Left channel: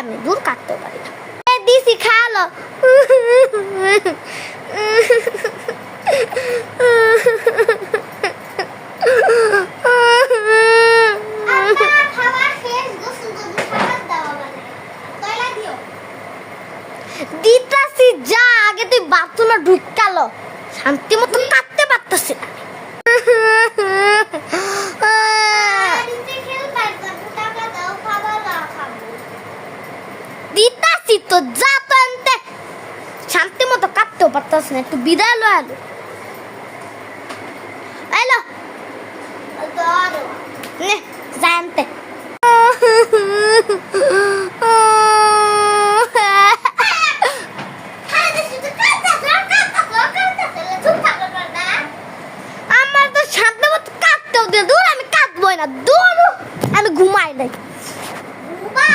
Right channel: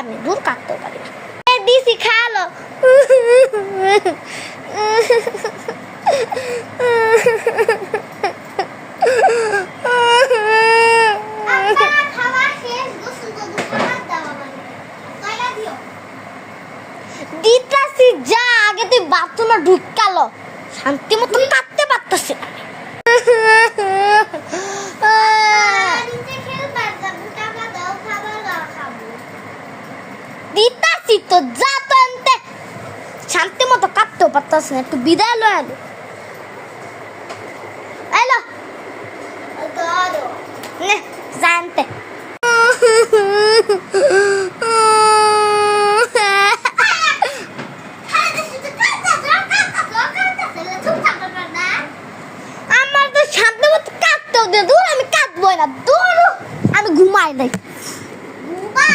আমি দূর কাটতে পারি না দিছি খালো দিতাছি যা আগে তুই বাথরুমে ঢুকালো শান্তি মতো কাটতে পারতাছি না দিতাছি তো যা তো আনতে শান্তি মতো কাটতেও পারতাছি না একটু বিদায় লো আলো এলো নে জানতে আমার তো শান্তি মতো কাটতেও দে দূর আমি কাটবো না দূর আমি ঘুমাই নাই